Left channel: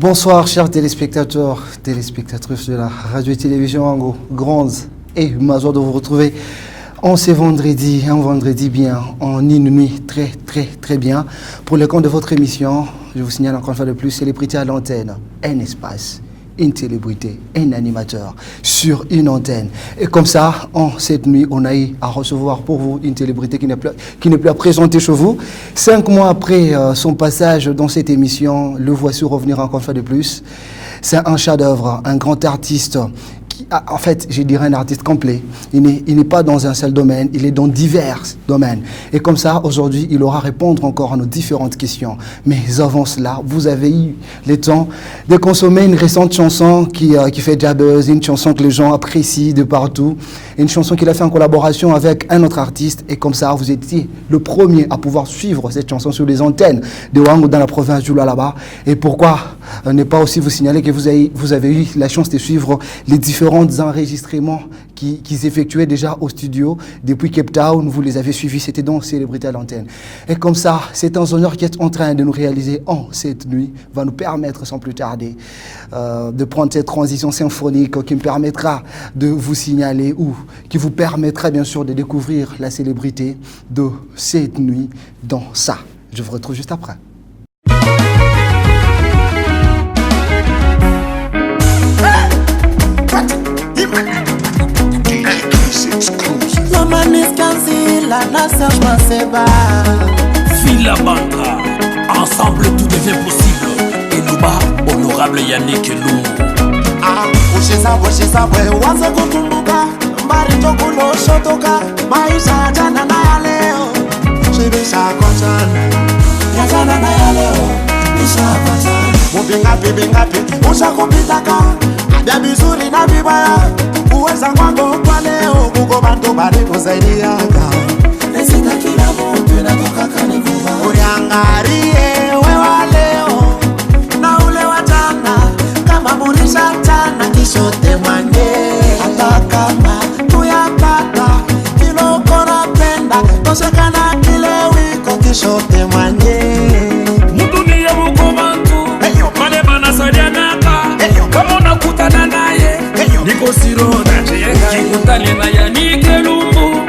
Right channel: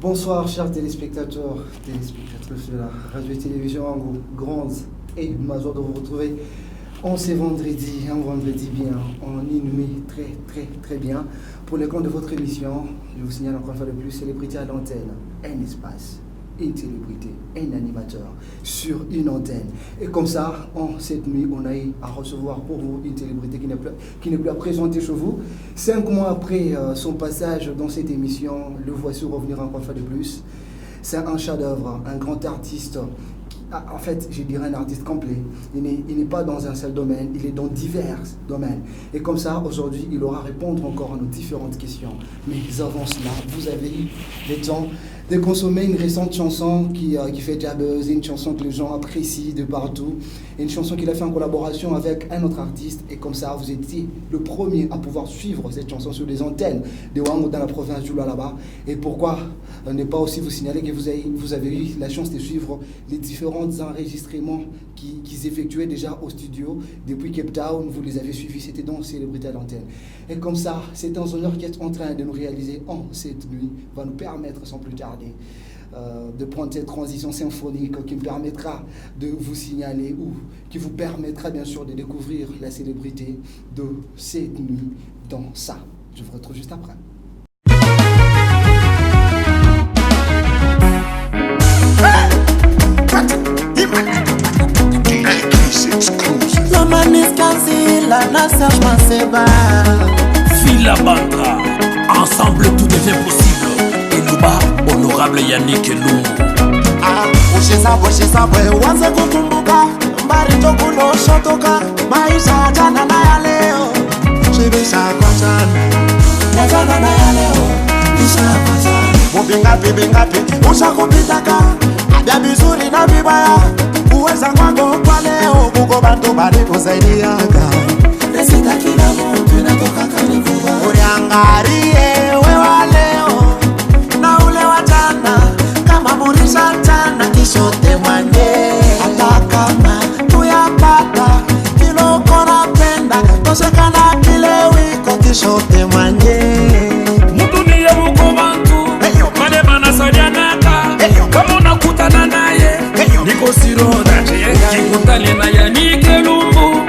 Bonsoir chers téléspectateurs, téléspectatrices de la radio et télévision Ango, grande et ma joie de vous retrouver en ce vendredi, un vendredi bien, en une nuit très bien. Pour le compte de votre émission, je vous signale encore une fois de plus, célébrité à l'antenne, un espace, une célébrité, un animateur sur une antenne. Et comme ça, en cette nuit, on a eu à recevoir pour vous une célébrité qui n'est plus à présenter chez vous. 5 mois après son passage dans cette émission, le voici revenir encore une fois de plus. C'est un chef-d'œuvre, un grand artiste. En fait, je dirais un artiste complet. Il n'est pas dans un seul domaine, il est dans divers domaines. Et comme ça, aujourd'hui, il aura à répondre encore à nos différentes questions. Mais avant cela, vous avez eu le temps de consommer une récente chanson qui fait déjà buzz, une chanson que les gens apprécient de partout, une chanson qu'il a fait en collaboration avec un autre artiste. Et comme ça, vous étiez le premier à pouvoir suivre cette chanson sur les antennes de Wango dans la province du Lualaba. Et pourquoi ne pas aussi vous signaler que vous avez eu la chance de suivre les différents enregistrements qui s'effectuaient déjà au studio depuis Cape Town, vous les avez suivis, c'était donc Célébrité à l'antenne. Et comme ça, c'est un honneur qui est en train de nous réaliser en cette nuit, va nous permettre sans plus tarder de prendre cette transition symphonique qui me permettra de vous signaler ou qui vous permettra bien sûr de découvrir la célébrité de cette nuit dans ça. Je vous retrouve juste après. La manis Kanzila, la Serge Manseba Villa Bantra, ensemble tout devient possible. Et nous bas, honorable Yannick Lungu. Osheza bwe, wanze kukumbuka mbari tokulo shotoka maisha jana na ya leo shibisha kwa jana na ya leo isha kwa jana mubingapi ushakupitaka abia bizuri na vibaya uweza kwako kwa leo kuko bantu bari kusaidiaka nesita kila mtu inatoka kanivuva uriangarie wewa leo na ule wa jana kama murisha jana kishote mwanye hata kama tuyapata kilo kona penda toshekana kile wiko kishote mwanye Mudunia muko bantu Mane manasadianaka Kama unakutana naye Niko siroda Kikutale na Yannick Lungu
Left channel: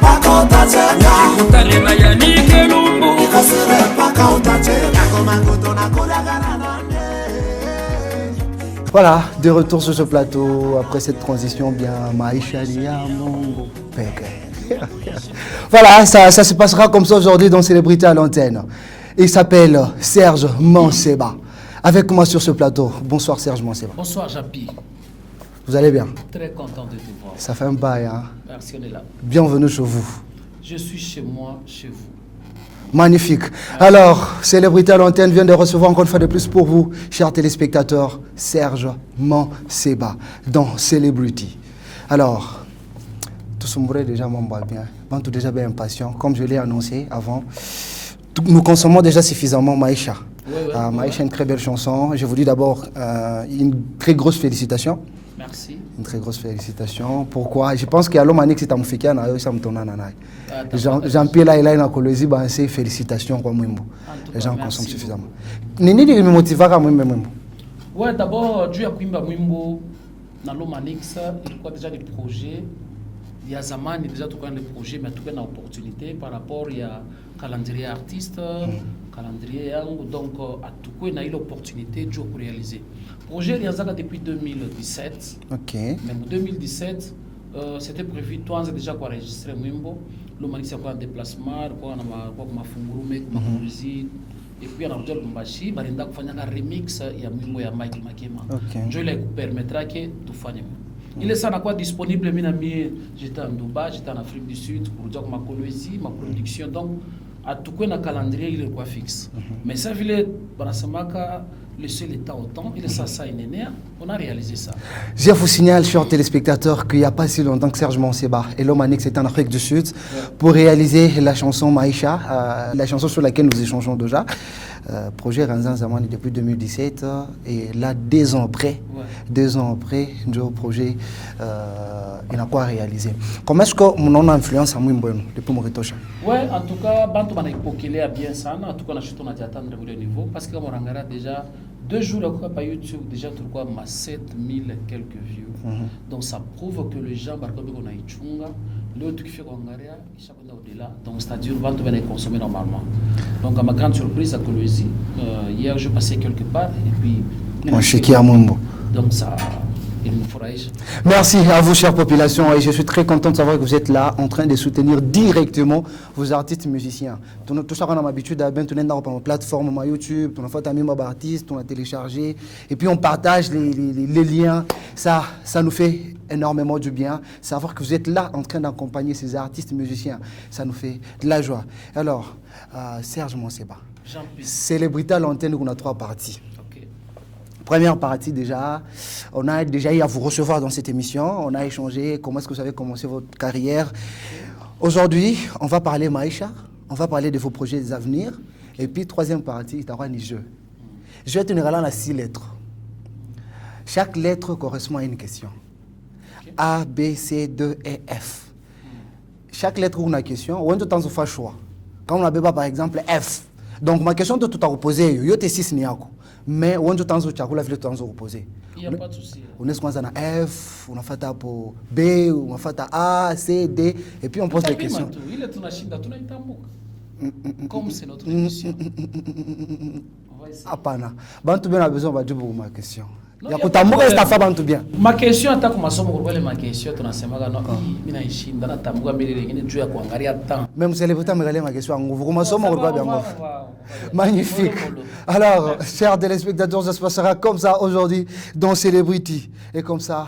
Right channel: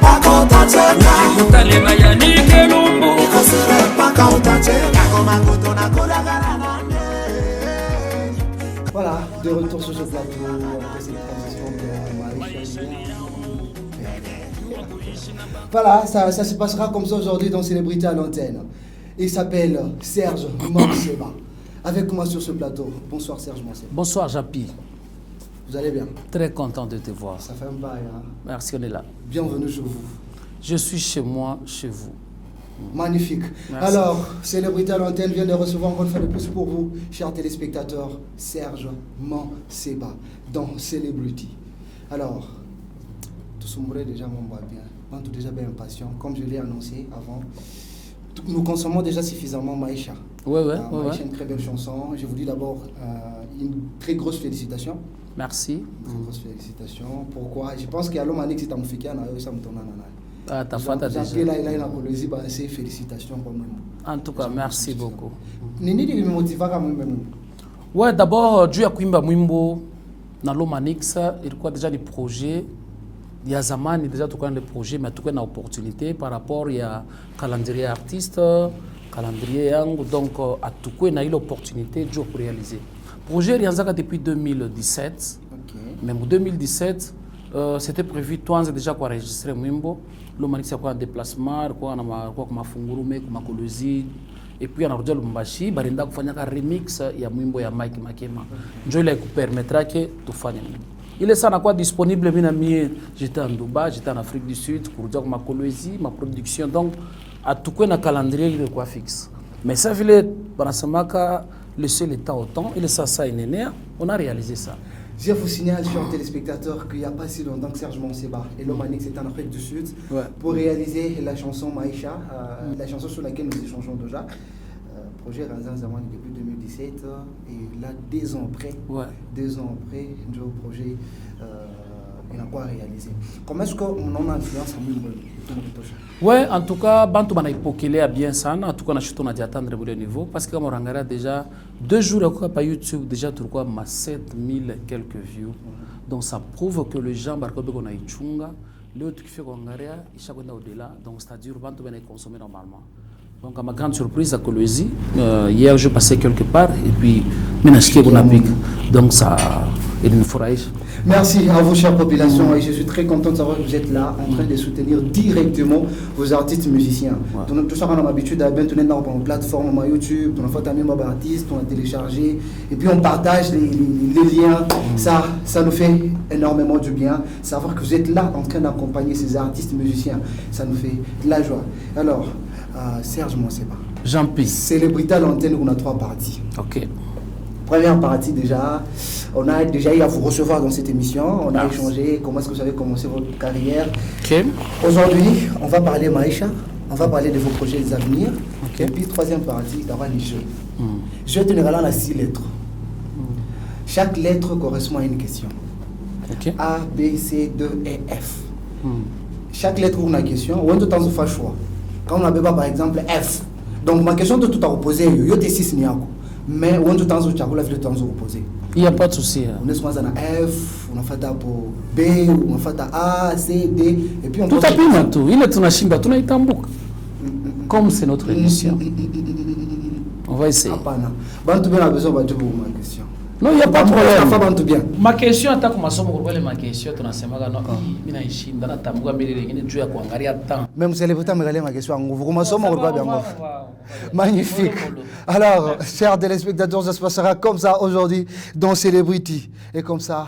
Paka utacheka Kikutale na Yannick Lungu Niko sire paka utacheka Koma kuto na kudagana nane. Voilà, de retour sur ce plateau après cette transition bien Maïcha Liamou. Voilà, ça se passera comme ça aujourd'hui dans Célébrité à l'antenne. Il s'appelle Serge Manseba. Avec moi sur ce plateau. Bonsoir Serge Manseba. Bonsoir Japi. Vous allez bien? Très content de te voir. Ça fait un bail, hein? Merci, on est là. Bienvenue chez vous. Je suis chez moi, chez vous. Magnifique. Merci. Alors, Célébrité à l'antenne vient de recevoir encore une fois de plus pour vous, chers téléspectateurs, Serge Manseba dans Celebrity. Alors, tout ce monde déjà m'envoie bien. Bon, tout déjà bien impatient. Comme je l'ai annoncé avant, nous consommons déjà suffisamment Maïcha. Maïcha, une très belle chanson. Je vous dis d'abord une très grosse félicitation. Merci. Une très grosse félicitation. Pourquoi? Je pense qu'il y a l'homme qui t'a fait Jean-Pierre là, il a une colonie, c'est félicitations. En tout cas, merci beaucoup. Nini me motiva quand même. Ouais, d'abord, Dieu a Kwimba Mwimbo, dans l'Omanix, il y a déjà des projets. Il y a Zamani déjà tout le projet, mais tout une opportunité par rapport il y a calendrier artiste, calendrier yang, donc à tout il y a eu l'opportunité de réaliser. Projet Rianzaka depuis 2017. Ok. Mais en 2017, c'était prévu toi déjà pour enregistrer Mwimbo. L'Omanix a quoi déplacement, quoi ma fungurume, ma musique. Et puis on a rejoint Lumbashi, barinda kufanya un remix ya Mwimbo ya Mike Makema. Ndio ile permettra que tufanye. Il est ça quoi disponible j'étais en Dubaï, j'étais en Afrique du Sud pour dire ma colonie, ma production donc à tout quoi un calendrier il est quoi fixe. Mais ça voulait Banasamaka laisser le temps au temps, il est ça on a réalisé ça. Je vous signale, chers téléspectateurs, qu'il n'y a pas si longtemps que Serge Manseba et l'Omanix est en Afrique du Sud pour réaliser la chanson Maïcha, la chanson sur laquelle nous échangeons déjà. Projet Ranzan Zamani depuis 2017 et là 2 ans après, 2 ans après, le projet il a quoi réalisé. Comment est-ce que mon influence a Mwimbo depuis mon retour? Ouais, en tout cas, Bantu Bana Ipokele a bien ça. En tout cas, on a chuté, on a dit attendre le niveau parce que comme on regarde déjà 2 jours à YouTube, déjà, tu vois, 7000 quelques views. Donc, ça prouve que les gens, par exemple, qu'on a Ichunga, l'autre qui fait Kongaria, ils sont au-delà. Donc, c'est-à-dire, on va les consommer normalement. Donc, à ma grande surprise, à Colosie, hier, je passais quelque part, et puis, donc, ça. Merci à vous, chère population, et je suis très content de savoir que vous êtes là en train de soutenir directement vos artistes musiciens. Tout ça, on a l'habitude à bien tourner dans une plateforme YouTube, on a fait un même artiste, on a téléchargé, et puis on partage les liens. Ça nous fait énormément du bien. Savoir que vous êtes là en train d'accompagner ces artistes musiciens, ça nous fait de la joie. Alors, Serge, moi, c'est pas. Jean-Pierre. Célébrité à l'antenne, on a 3 parties. Ok. Première partie déjà, on a déjà eu à vous recevoir dans cette émission, on a échangé comment est-ce que vous avez commencé votre carrière. Okay. Aujourd'hui, on va parler Maïcha, on va parler de vos projets d'avenir. Okay. Et puis troisième partie, d'avoir les jeux. Je vais tenir là à 6 lettres. Chaque lettre correspond à une question. Okay. A, B, C, D, E, F. Chaque lettre a une question, ou un tout temps on fait choix. Quand on a par exemple F. Donc ma question de tout à reposer, il y a 6 niako. Mais on a temps de reposer. Il n'y a pas de souci. On est sur F, on a fait pour B, on a fait A, C, D, et puis on tout à fait tout. Il est chimba, tout est comme c'est notre émission. On va essayer. Bon, tout bien a besoin de ma question. Non, il n'y a pas de problème. Ma question, attaque comme ça, ma question, tu n'as pas non, il a une chine, dans la tambour, mais il est à Kwangaria temps. Même si elle est pas ma question, vous commencez à me bien. Magnifique. Alors, chers téléspectateurs, ça se passera comme ça aujourd'hui dans Celebrity. Et comme ça,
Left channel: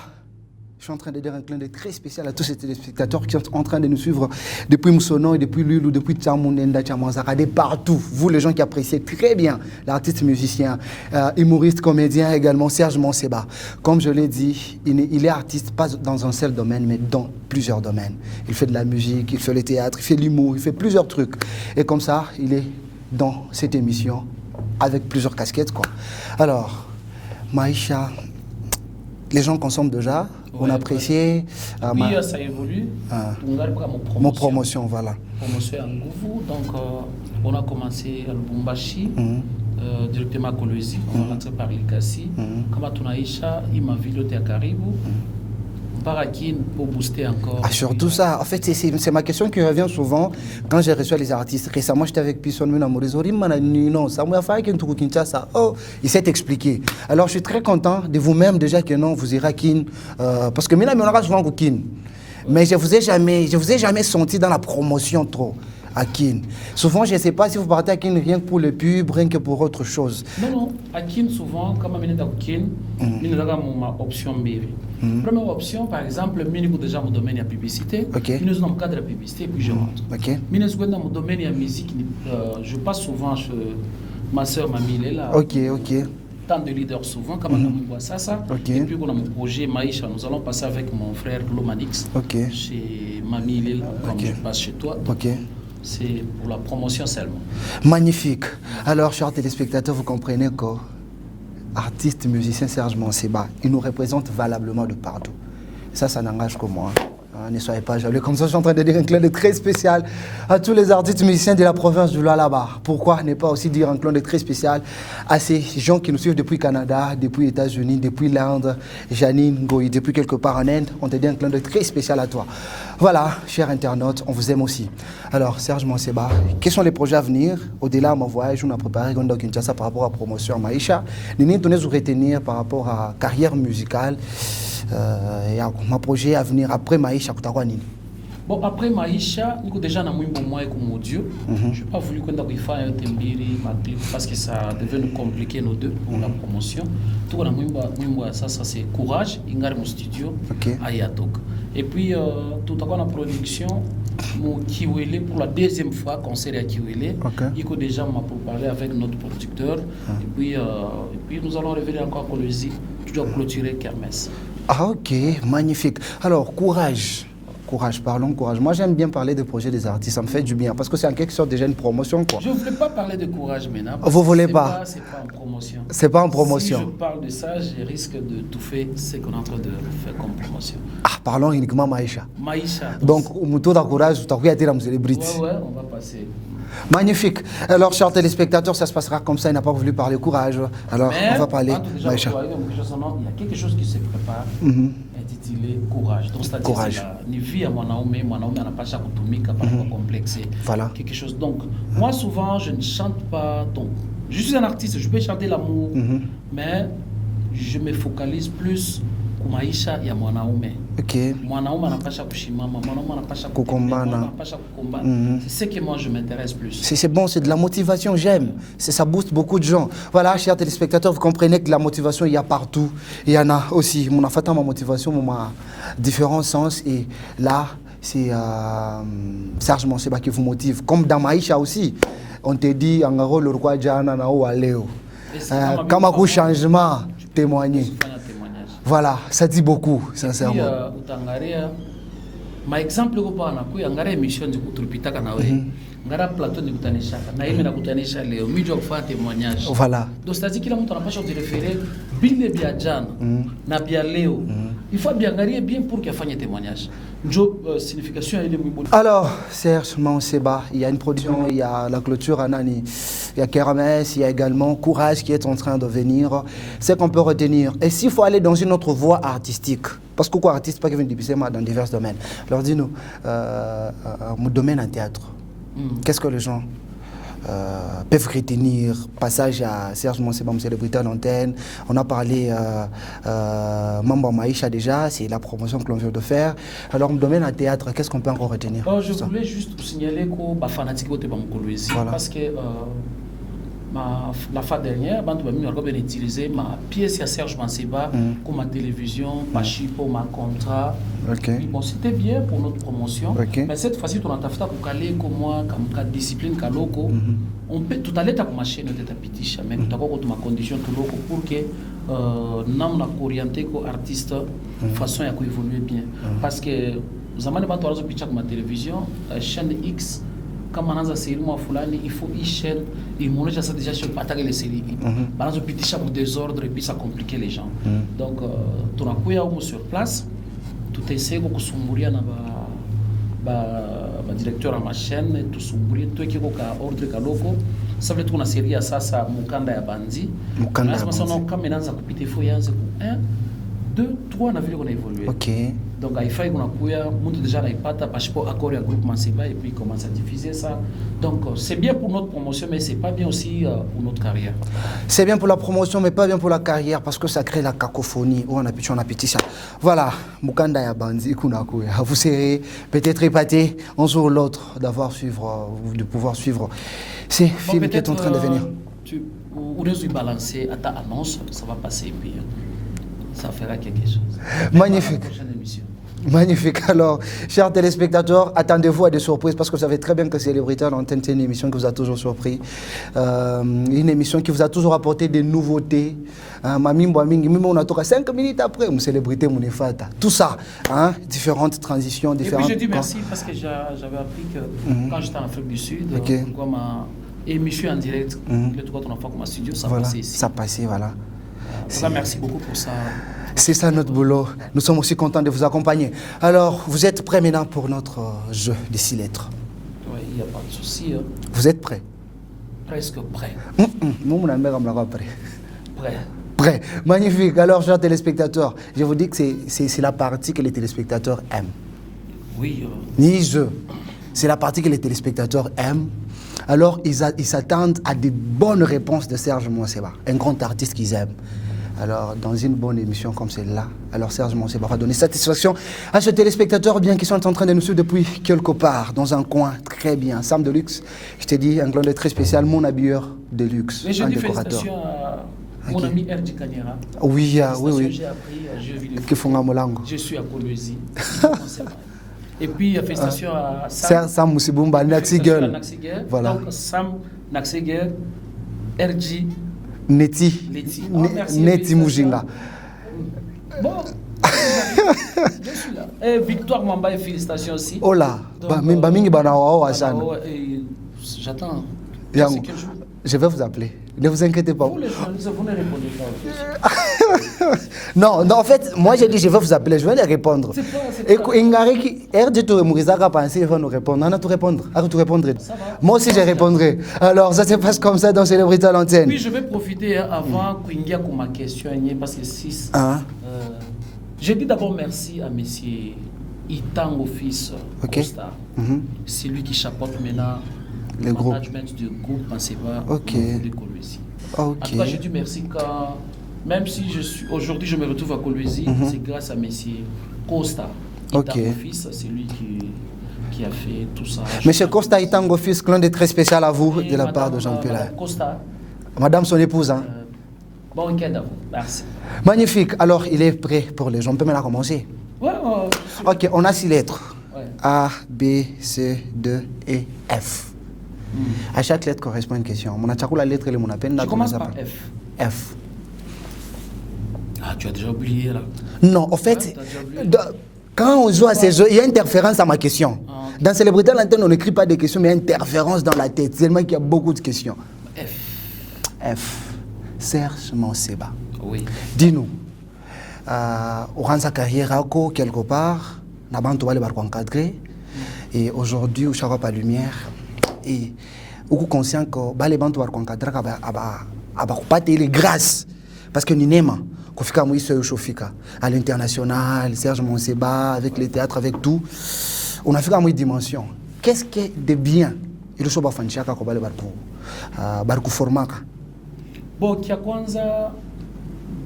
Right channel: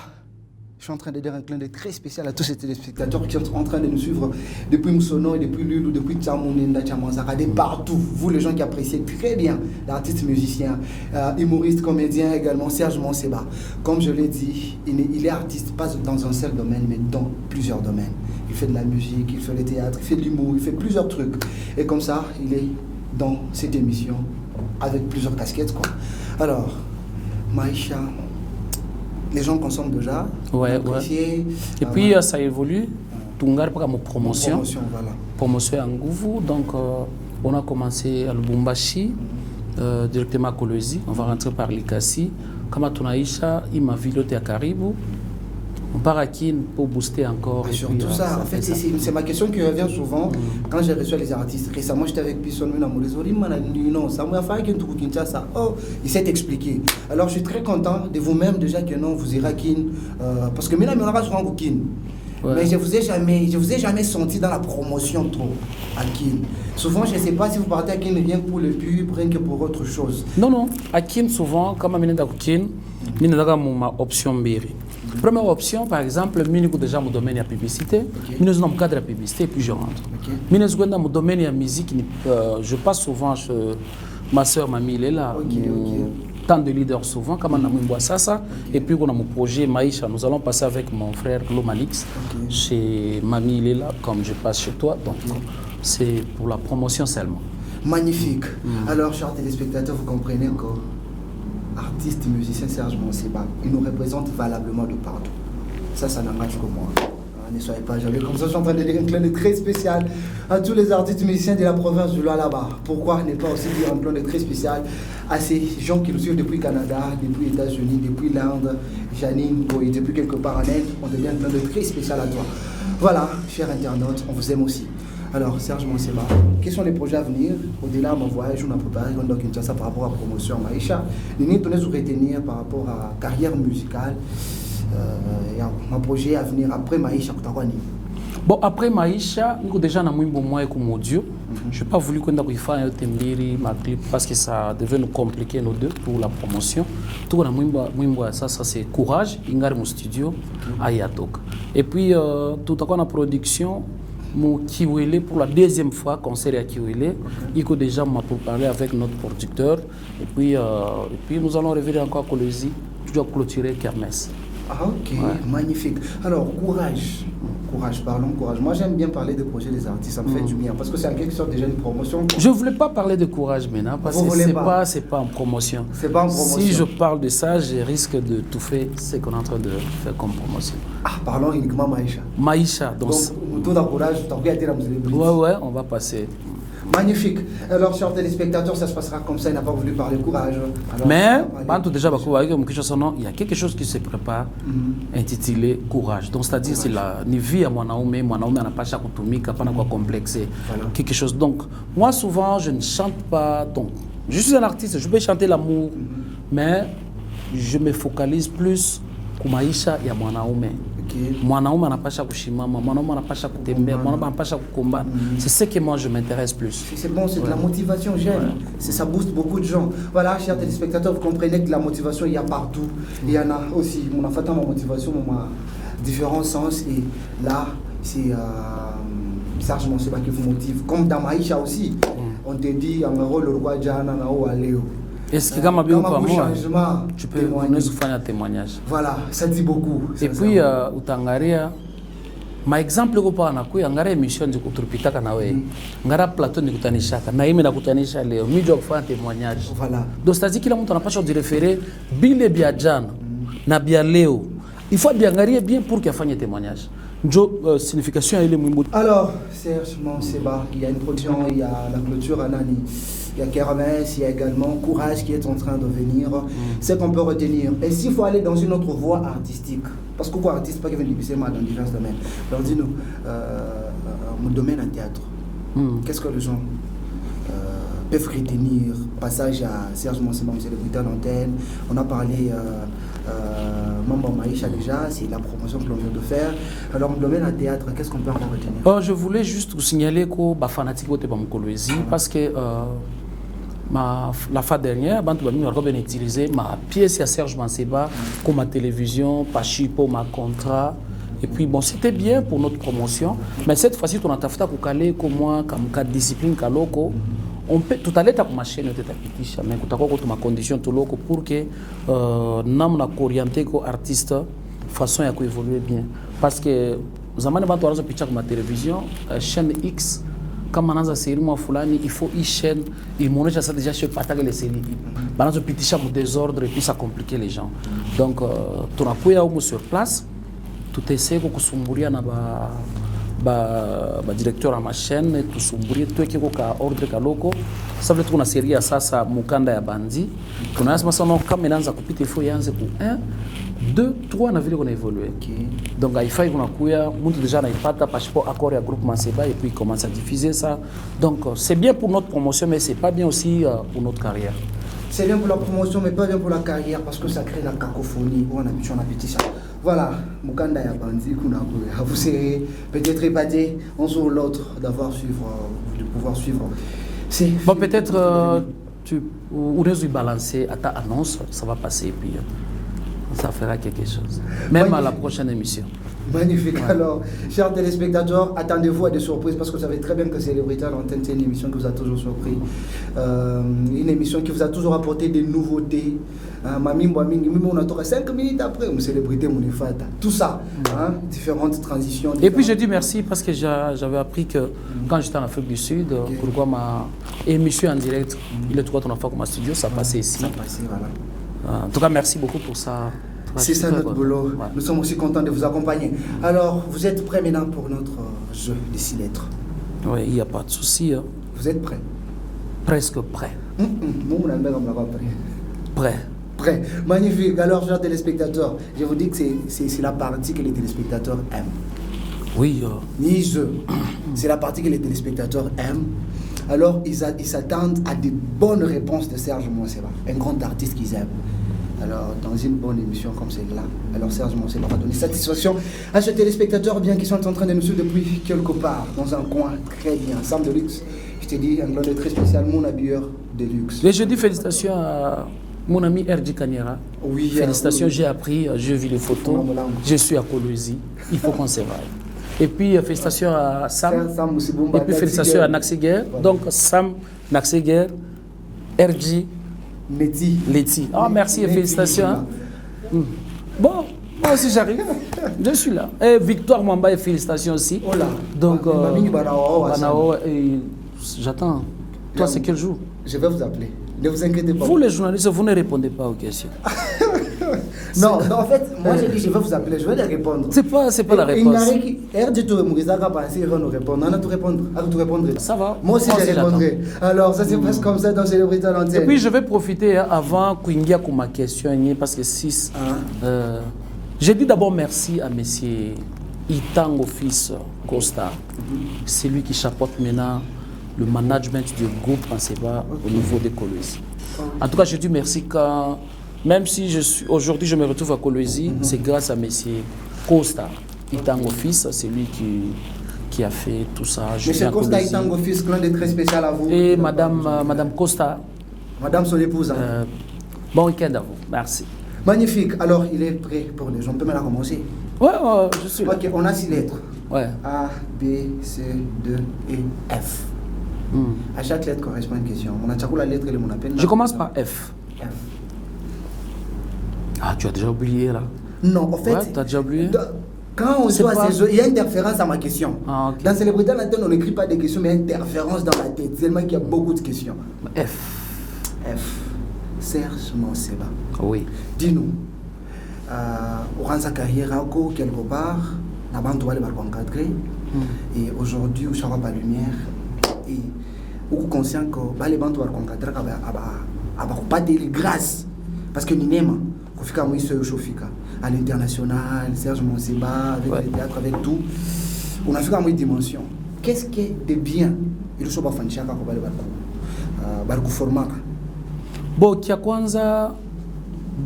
je suis en train de dire un clin d'œil très spécial à tous ces téléspectateurs qui sont en train de nous suivre depuis Moussono et depuis Lulu, depuis Tchamounenda, Tchamanzara, de partout. Vous, les gens qui appréciez très bien l'artiste musicien, humoriste, comédien également, Serge Monseba. Comme je l'ai dit, il est artiste pas dans un seul domaine, mais dans plusieurs domaines. Il fait de la musique, il fait le théâtre, il fait de l'humour, il fait plusieurs trucs. Et comme ça, il est dans cette émission avec plusieurs casquettes, quoi. Alors, Maïcha, les gens consomment déjà, on apprécie. Et puis ça évolue. Tungar pour mon promotion. Mon promotion, voilà. Promotion en Gouvou. Donc on a commencé à Lubumbashi, directement à Colosie. On va rentrer par Likasi. Comme Tunaïcha, il m'a vu à Caribou. On part à Kin pour booster encore. Surtout ça, en fait, c'est ma question qui revient souvent quand j'ai reçu les artistes. Récemment, j'étais avec Pisson Morizori, non, ça m'a fait qu'un truc Kinshasa. Oh, il s'est expliqué. Alors, je suis très content de vous-même déjà que non, vous irez à Kin. Parce que maintenant, on aura souvent au Kin. Mais je vous ai jamais senti dans la promotion trop à Kin. Souvent, je ne sais pas si vous partez à Kin rien que pour le pub, rien que pour autre chose. Non. À Kin, souvent, comme je suis à Kin, je suis ma option Mbiri. Première option, par exemple, je suis déjà dans le domaine de la publicité. Je suis dans le cadre de la publicité et puis je rentre. Je suis dans le domaine de la musique. Je passe souvent chez ma soeur, ma mille est là. Tant de leaders souvent, comme on a mis ça. Et puis, on a mon projet Maïcha. Nous allons passer avec mon frère Glomalix chez Mamie Léla, comme je passe chez toi. Donc, c'est pour la promotion seulement. Magnifique. Alors, chers téléspectateurs, vous comprenez que artiste, musicien Serge Monseba, il nous représente valablement de partout. Ça n'engage que moi. Ne soyez pas jaloux. Comme ça, je suis en train de dire un clin d'œil très spécial à tous les artistes musiciens de la province du Lualaba. Pourquoi ne pas aussi dire un clin d'œil très spécial à ces gens qui nous suivent depuis Canada, depuis les États-Unis, depuis l'Inde, Janine, Goy, depuis quelque part en Inde. On te dit un clin d'œil très spécial à toi. Voilà, chers internautes, on vous aime aussi. Alors, Serge Monseba, quels sont les projets à venir? Au-delà de mon voyage, on a préparé un Kinshasa par rapport à la promotion à Maïcha. Nous allons nous retenir par rapport à la carrière musicale. Mon projet à venir après Maïcha. Bon, après Maïcha, nous déjà dans un bon mois avec mon audio. Je n'ai pas voulu qu'on ait fait un Tembiri, ma clip, parce que ça devait nous compliquer nos deux pour la promotion. Tout ça c'est courage, ingar mon studio à Yatok. Et puis tout à coup la production, mon Kiwele pour la deuxième fois concert à Kiwele. Il faut déjà pour parler avec notre producteur. Et puis nous allons revenir encore à Colosie, toujours clôturer Kermesse. Magnifique. Alors, courage. Parlons courage. Moi, j'aime bien parler des projets des artistes, ça me fait du bien, parce que c'est en quelque sorte déjà une promotion. Quoi. Je ne voulais pas parler de courage maintenant, parce Vous voulez que pas? C'est pas en promotion. C'est pas en promotion. Si je parle de ça, je risque de tout faire ce qu'on est en train de faire comme promotion. Parlons uniquement Maïcha. Maïcha. Donc, tout courage, tu as dire à me célébrer. Ouais, on va passer. Magnifique. Alors, chers téléspectateurs, ça se passera comme ça. Il n'a pas voulu parler courage. Alors, mais, on va parler. Déjà, il y a quelque chose qui se prépare, intitulé Courage. Donc, c'est-à-dire, c'est la vie à Mwanaume n'a pas chaque automique, pas complexé. Voilà. Quelque chose. Donc, moi, souvent, je ne chante pas. Donc, je suis un artiste, je peux chanter l'amour, mais je me focalise plus kumaisha ya mwanaume. Okay. Mwanaume anapasha kushimama, mwanaume anapasha kutembea, mwanaume anapasha kukomba. C'est ce que moi je m'intéresse plus. C'est bon, c'est de la motivation, j'aime. Ça booste beaucoup de gens. Voilà, chers téléspectateurs, vous comprenez que la motivation, il y a partout. Il y en a aussi. Mon enfant, ma motivation, ma différents sens. Et là, c'est Serge Monseba qui vous motive. Comme dans Maïcha aussi. On te dit, Angaro, le roi Djana, Nao, Aléo. Comme un changement, tu peux témoigner. Voilà, ça dit beaucoup. Et puis, utangaria, ma exemple ko pa na ku ngara émission de kutupita kana we. Ngara plateau ni kutanishaka. Na mimi nakutanisha leo. Mimi je kufanya témoignage. Voilà. Donc c'est-à-dire kila mtu anapaswa kujireferer bile bia jana na bia leo. Il faut bien regarder bien pour qu'il fasse un témoignage. Signification est le même. Alors, Serge Monseba, il y a une production, il y a la clôture à Nani, il y a Kermès, il y a également Courage qui est en train de venir. C'est qu'on peut retenir. Et s'il faut aller dans une autre voie artistique, parce que quoi, artiste, pas qui vient de dans divers domaines. Alors dis-nous, mon domaine en théâtre, qu'est-ce que les gens peuvent retenir? Passage à Serge Monseba, célébrité à l'antenne. On a parlé Mamba Maïcha déjà, c'est la promotion que l'on vient de faire. Alors, mon domaine en théâtre, qu'est-ce qu'on peut encore retenir? Je voulais juste vous signaler que je suis fanatique de Bamkolwezi parce que la fois dernière, j'ai utilisé ma pièce à Serge Monseba comme ma télévision, pour ma contrat. Okay. Et puis bon, c'était bien pour notre promotion, mais cette fois-ci, on a fait comme moi, comme discipline kaloko. On peut tout à l'heure ma chaîne de tapitisha, mais nous avons ma condition tout loco pour que nous na orienté comme artiste façon à évoluer bien. Parce que zamani batu wanazo picha kwa télévision, chaîne X kama anaanza série mwa fulani, il faut une chaîne, il montre ça déjà sur partager les séries. Banazo pitisha mu désordre et puis ça complique les gens. Donc tunakuya huko sur place, tutaiseko kusumburia na ba directeur à ma chaîne tusumburie tuweke kwa ordre kaloko ça veut dire qu'on a série ya sasa mukanda ya bandi mukanda nasema sana kama inaanza kupita ifo yanze ku 1 2 3 na vile qu'on a évolué. Donc il faut qu'on akuya mtu déjà naipata passeport accord ya groupe Monseba et puis commence à diffuser ça. Donc c'est bien pour notre promotion mais c'est pas bien aussi pour notre carrière. C'est bien pour la promotion mais pas bien pour la carrière parce que ça crée la cacophonie. On a pétition. Voilà, mukanda ya bandi kuna akuya. Vous serez peut-être épaté un jour ou l'autre de pouvoir suivre ces films peut-être qui sont en train de venir. Ou nous balancer à ta annonce, ça va passer et puis ça fera quelque chose. Même à la prochaine émission. Magnifique. Alors, chers téléspectateurs, attendez-vous à des surprises parce que vous savez très bien que Célébrité à l'antenne, c'est une émission qui vous a toujours surpris. Une émission qui vous a toujours apporté des nouveautés. Même on a 5 minutes après, une célébrité, mon effata. Tout ça, différentes transitions. Et puis je dis merci parce que j'avais appris que quand j'étais en Afrique du Sud, pourquoi ma émission en direct, le 3 ton enfant comme studio, ça passait ici. Ça passait, voilà. En tout cas, merci beaucoup pour ça. C'est ça notre boulot. Ouais. Nous sommes aussi contents de vous accompagner. Alors, vous êtes prêts maintenant pour notre jeu des 6 lettres? Oui, il n'y a pas de souci. Vous êtes prêts? Presque prêts. Prêt. Prêt. Magnifique. Alors, chers téléspectateurs, je vous dis que c'est la partie que les téléspectateurs aiment. Oui. Ni je. C'est la partie que les téléspectateurs aiment. Alors, ils s'attendent à des bonnes réponses de Serge Monseba, un grand artiste qu'ils aiment. Alors, dans une bonne émission comme celle-là, alors Serge Monseba va donner satisfaction à ces téléspectateurs bien qui sont en train de nous suivre depuis quelque part, dans un coin très bien. Sam de luxe, je te dis, un glonde très spécial, mon habilleur de luxe. Et je dis félicitations à mon ami Erdi Kanyera. Oui, félicitations, oui. J'ai appris, j'ai vu les photos. Je suis à Kolwezi, il faut qu'on se voie. Et puis, félicitations à Sam Moussibumba, félicitations à Naxiger. Voilà. Donc, Sam, Naxiger, RG, Neti. Oh, merci, félicitations. Bon, moi aussi j'arrive. Je suis là. Et Victoire Mwamba, félicitations aussi. Oh là. Donc, j'attends. C'est quel jour? Je vais vous appeler. Ne vous inquiétez pas. Vous, les journalistes, vous ne répondez pas aux questions. Non, en fait, moi j'ai dit je vais vous appeler, je vais les répondre. C'est pas la réponse. Il va nous répondre. On a tout répondre. Arrête tout répondre. Ça va. Moi aussi je répondrai. Alors ça se passe comme ça dans Célébrité à l'antenne. Et puis je vais profiter avant Kwingia pour ma question, parce que 6. Je dis d'abord merci à monsieur Itango Fils Costa. C'est lui qui chapeaute maintenant le management du groupe Anseba au niveau de Kolwezi. En tout cas, je dis merci quand, même si aujourd'hui je me retrouve à Kolwezi, c'est grâce à monsieur Costa. Itango Fils, c'est lui qui a fait tout ça. Monsieur Costa Itango Fils, l'un de très spécial à vous. Et de la part de Madame Costa. Madame son épouse. Bon week-end à vous. Merci. Magnifique. Alors, il est prêt pour les gens. On peut maintenant commencer. Ouais, je suis là. Ok, on a 6 lettres. Ouais. A, B, C, D, E, F. À chaque lettre correspond à une question. Mon attaque la lettre, mon appel. Je commence par F. F. Ah, tu as déjà oublié là? Non, en fait, ouais, tu as déjà oublié? Quand on joue à ces jeux, il y a interférence à ma question. Ah, okay. Dans Célébrité à l'antenne, on n'écrit pas des questions, mais il y a interférence dans la tête. Tellement qu'il y a beaucoup de questions. F. F. Serge Manseba. Oui. Dis-nous, Oranza carrière quelque part, la bande va encadrer. Et aujourd'hui, où ça va pas lumière, et où conscient que les bandes vont encadrer, pas les grâces. Parce que nous n'aimons à l'international, Serge Manseba, avec le théâtre, avec tout, on a fait une dimension. Qu'est-ce qui est de bien? Il faut faire un format. Bon, kia kwanza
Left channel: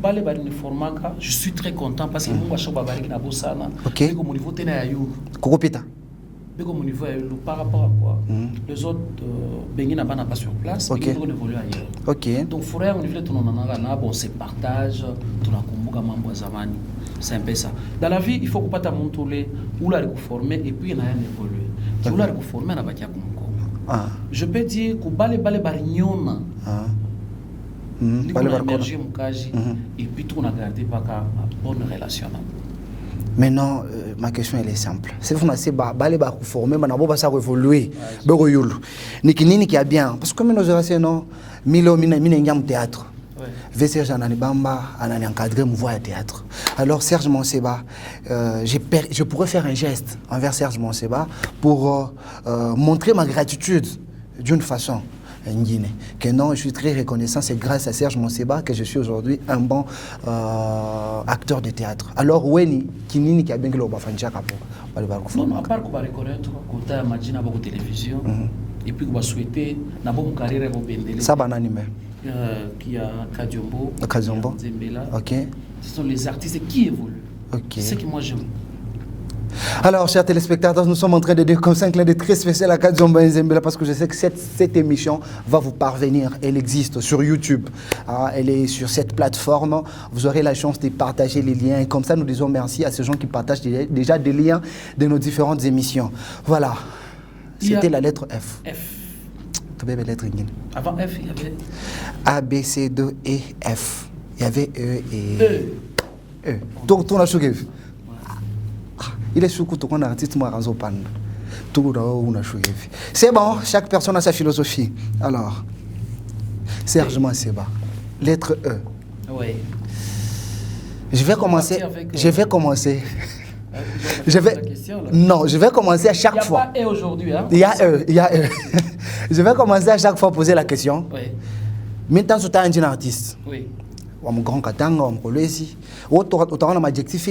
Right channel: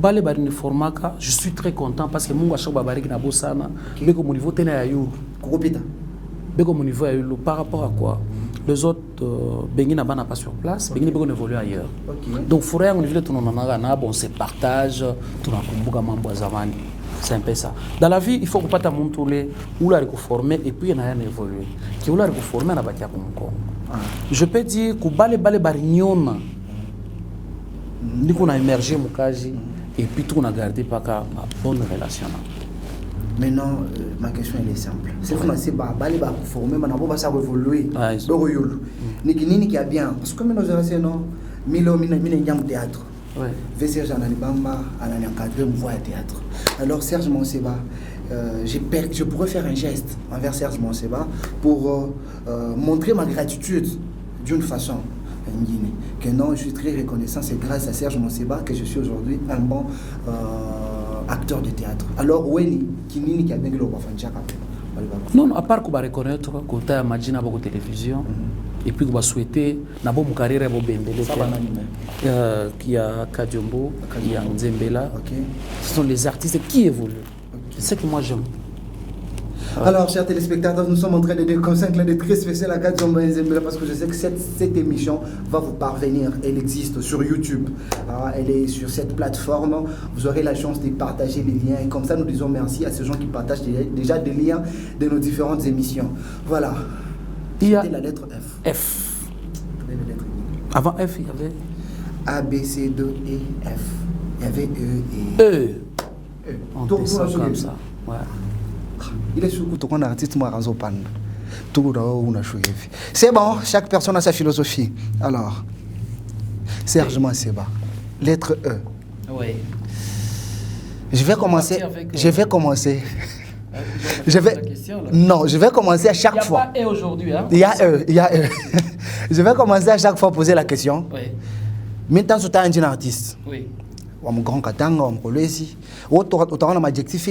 bale bari ni formaka, je suis très content parce que mungu ashoko babari na bosana. Beko mon niveau tena ya yo. Kokopita. Beko mon niveau ya yo par rapport à quoi? Les autres bengi na bana pas sur place, bengi beko évoluer ailleurs. OK. Donc fourrer mon niveau de tononanga na bon se partage, tunakumbuka mambo ya zamani. C'est un peu ça. Dans la vie, il faut pas t'amontoler ou la reformer et puis il y a rien évoluer. Qui ou la reformer na batia kumko. Je peux dire que bale bari nyoma. Nous avons émergé Mukaji et puis tout on a gardé par une bonne relation. Maintenant, ma question elle est simple. C'est vous n'avez pas formé, mais on va ça évoluer. Niki qui a bien parce que nous avons non milo mina théâtre. Serge Ananibamba anani encadré mouvement théâtre. Alors Serge Manseba, je pourrais faire un geste envers Serge Manseba pour montrer ma gratitude d'une façon. Que non, je suis très reconnaissant, c'est grâce à Serge Manseba que je suis aujourd'hui un bon acteur de théâtre. Alors, Weni, qui a bien non, à part qu'on va reconnaître qu'on a imaginé à la télévision, et puis qu'on va souhaiter dans mon carrière qui a Kadiombo, qui a Nzembela. Ce sont les artistes qui évoluent. C'est ce que moi j'aime. Alors, chers téléspectateurs, nous sommes en train de dire comme ça un clin d'œil très spécial à Kadiombo Nzembela parce que je sais que cette émission va vous parvenir. Elle existe sur YouTube. Elle est sur cette plateforme. Vous aurez la chance de partager les liens. Et comme ça, nous disons merci à ces gens qui partagent déjà des liens de nos différentes émissions. Voilà. C'était la lettre F. F. Lettre Avant F, il y avait A, B, C, D, E, F. Il y avait E et E. Donc, tout ça. Il est sous coup, on a artiste moi ranzo pan. Tout on a choué. C'est bon, chaque personne a sa philosophie. Alors, Serge Manseba, lettre E. Oui. Je vais commencer. Je vais commencer. Je vais commencer à chaque fois. Il y a pas E aujourd'hui, hein? Il y a E. Je vais commencer à chaque fois à poser la question. Oui. Maintenant, tu es un artiste. Oui. Mon grand katanga, mon collège, autant on a adjectif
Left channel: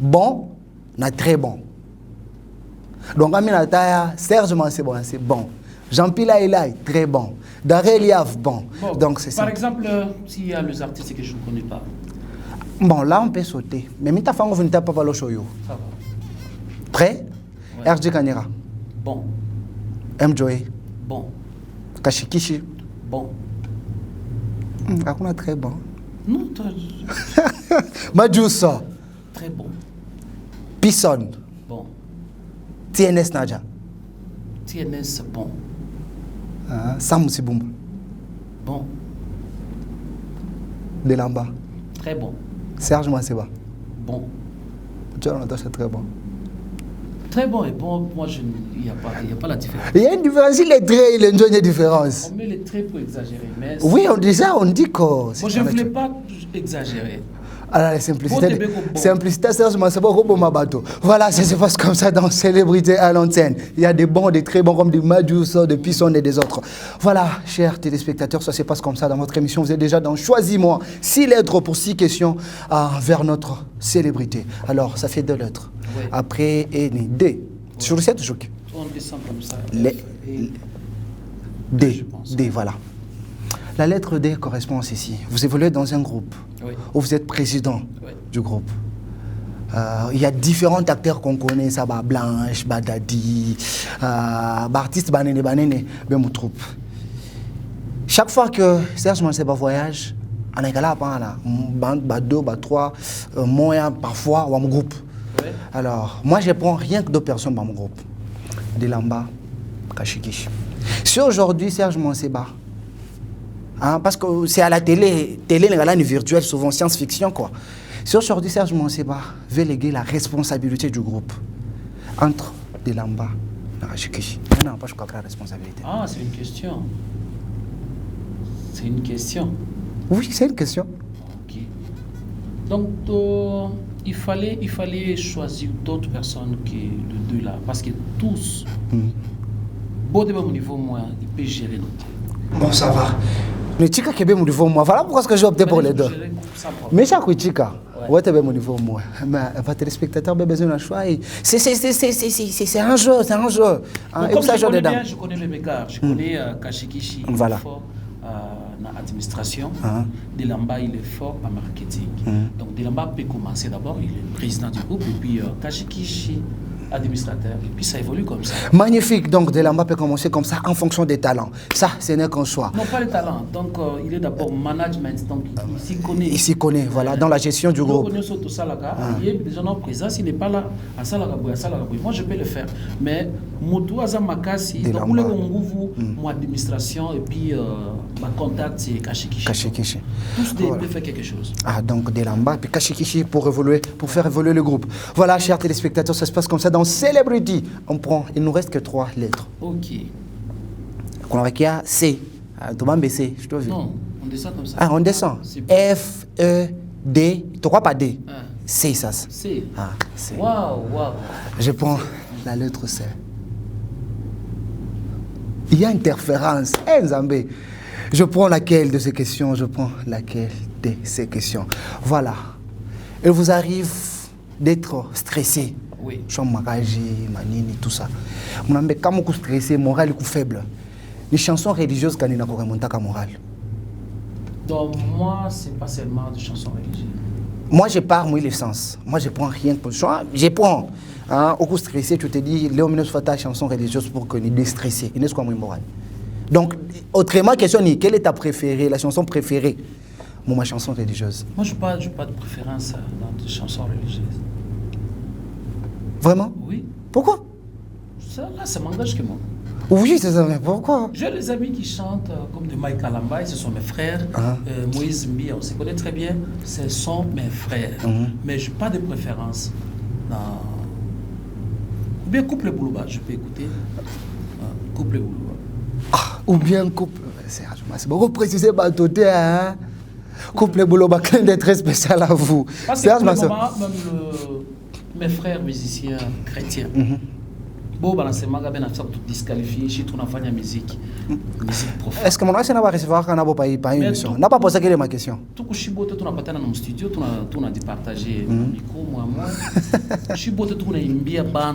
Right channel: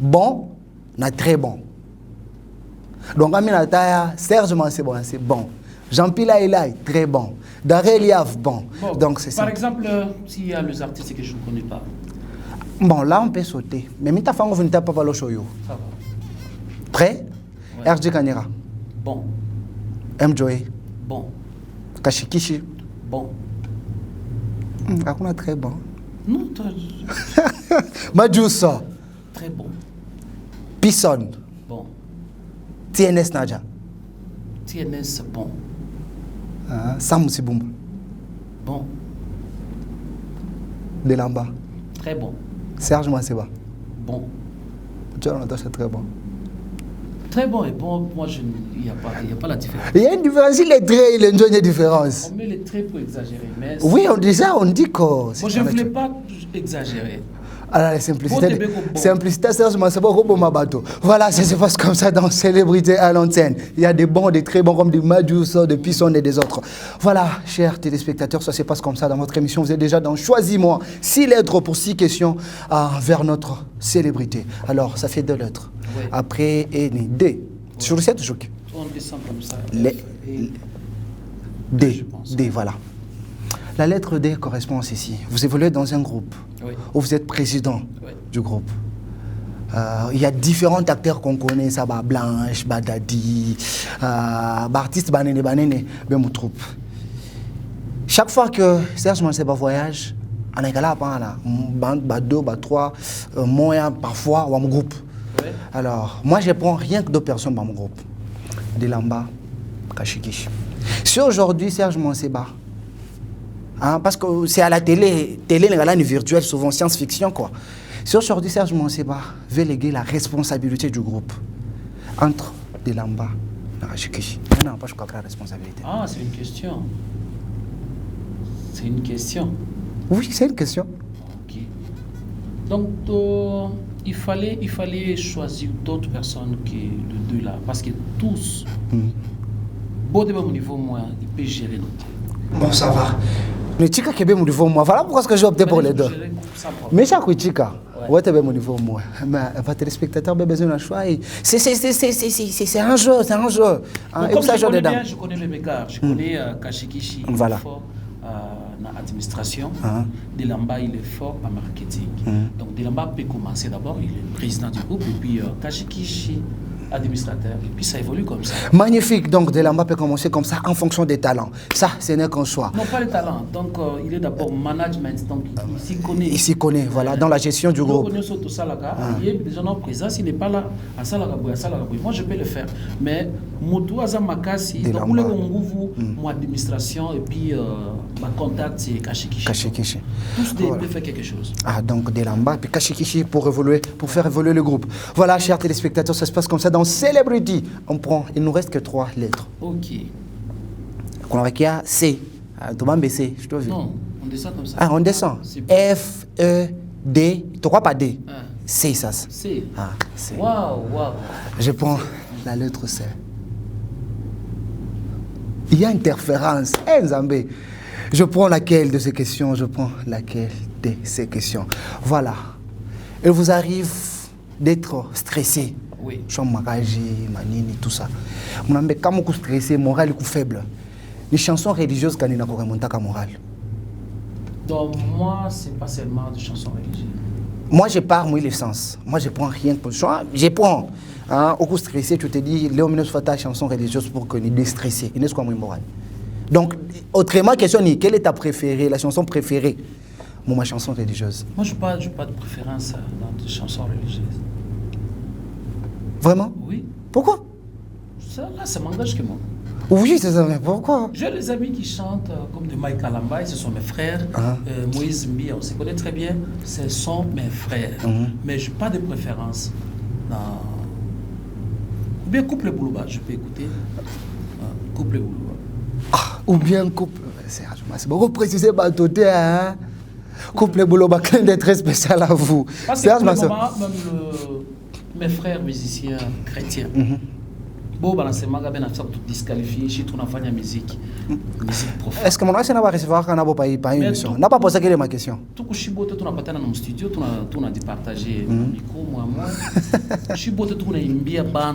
bon, na très bon. Donc Amina Taya, Serge Manseba, c'est bon. Jean-Pierre Elay, très bon. Daré Eliav, bon. Donc c'est ça. Par exemple, s'il y a les artistes que je ne connais pas. Bon, là on peut sauter. Mais Mita Fango vous ne tapez pas le show. Ça va. Prêt? Ouais. RJ Kanira. Bon. M. Joey. Bon. Kashikishi. Bon. Hakuna très bon. Non, toi. Majusa. Très bon. Pisson. Bon. TNS Naja. TNS, bon. Sam Sibumba. Bon. Delamba. Très bon. Serge Manseba. Bon. John Natasha, très bon. Très bon et bon, moi, il n'y a pas la différence. Il y a une différence, si les traits, il y a une différence. On met les traits pour exagérer, mais... Oui, on dit ça, on dit que... Moi, je ne voulais pas exagérer. Alors, la simplicité, sérieusement, c'est pas pour ma bateau. Voilà, ça se passe comme ça dans Célébrité à l'antenne. Il y a des bons, des très bons, comme des Madjous, des Pissons et des autres. Voilà, chers téléspectateurs, ça se passe comme ça dans votre émission. Vous êtes déjà dans Choisis-moi. 6 lettres pour 6 questions vers notre célébrité. Alors, ça fait 2 lettres. Oui. Après, et D. Sur le 7, On descend comme ça. D, D, voilà. La lettre D correspond à ceci. Vous évoluez dans un groupe, oui, où vous êtes président, oui, du groupe. Il y a différents acteurs qu'on connaît, ça va Blanche, Badadi, artiste Banene, ben mon troupe. Chaque fois que Serge Manseba voyage, on est là, bande, 2, 3, moyen parfois, ou mon groupe. Oui. Alors, moi je prends rien que 2 personnes dans mon groupe. Delamba, Kashikishi. Si aujourd'hui Serge Manseba, parce que c'est à la télé, une virtuelle, souvent science-fiction, quoi. Si aujourd'hui Serge Manseba veut léguer la responsabilité du groupe entre Delamba et Kashikishi, non, pas je crois que la responsabilité. Ah, c'est une question. C'est une question. Oui, c'est une question. Ok. Donc, il fallait choisir d'autres personnes que les 2 là, parce que tous, bon, de mon niveau, moi, ils peuvent gérer notre. Bon, ça va. Mais Chika qui est mon niveau moi. Voilà pourquoi j'ai opté pour les 2. Mais chaque Chika, ouais, tu es mon niveau moi. Mais votre téléspectateur a besoin d'un choix. C'est un jeu, c'est un jeu. Comme je connais les mécars, je connais Kashikishi, voilà. Il est fort dans l'administration. Delamba, il est fort en marketing. Donc Delamba peut commencer d'abord, il est président du groupe, et puis Kashikishi, administrateur, et puis ça évolue comme ça. Magnifique, donc Delamba peut commencer comme ça en fonction des talents. Ça, ce n'est qu'un choix. Non, pas les talents, donc il est d'abord management, donc il s'y connaît. Il s'y connaît, voilà, dans la gestion du groupe. Il est déjà en présence, il n'est pas là à Salagaboui. Moi, je peux le faire, mais Moutou Azamakasi, donc vous l'avez mon administration, et puis ma contact, c'est Kashikishi. Tous peuvent faire quelque chose. Ah, donc Delamba, puis Kashikishi pour faire évoluer le groupe. Voilà, chers téléspectateurs, ça se passe comme ça dans Celebrity. Il nous reste que 3 lettres. Ok. On a C. C, je dois dire. Non, on descend comme ça. Ah, on descend. F, E, D. Tu crois pas D? C, ça. C. Ah, C. Waouh. Je prends la lettre C. Il y a interférence. Nzambé. Je prends laquelle de ces questions? Je prends laquelle de ces questions? Voilà. Il vous arrive d'être stressé. Oui. Chamagaji, manini, tout ça. Mon ami, quand je suis stressé, moral est faible. Les chansons religieuses, quand on a remonté à moral. Donc, moi, c'est pas seulement des chansons religieuses. Moi, je pars, moi, l'essence. Moi, je prends rien pour le choix. Je prends. Au coup stressé, tu te dis, Léo Minos fait ta chanson religieuse pour qu'on est déstressé. Il n'est pas moral. Donc, autrement, question, quelle est ta préférée, la chanson préférée? Moi, ma chanson religieuse. Moi, je n'ai pas de préférence dans les chansons religieuses. Vraiment? Oui. Pourquoi? Ça m'engage que moi. Oui, c'est ça, mais pourquoi? J'ai des amis qui chantent comme de Mike Kalamba, ce sont mes frères. Moïse Mbi, on se connaît très bien, ce sont mes frères. Mais je n'ai pas de préférence. Non. Ou bien Couple Boulouba, je peux écouter. Couple Boulouba. Ou bien Couple. C'est beaucoup précisé par tout, hein? Couple Boulouba, clin d'être très spécial à vous. Parce que pour le moment, même mes frères musiciens chrétiens, bon, c'est maga ben afsa tout disqualifié, je suis tout en musique profane. Est-ce que mon ancien n'a pas recevoir quand on n'a pas une émission? N'a pas posé quelle est ma question? Tout que je suis beau, tout n'a pas dans mon studio, tout n'a dit partager mon micro, moi. Je suis beau, tout n'a imbia band.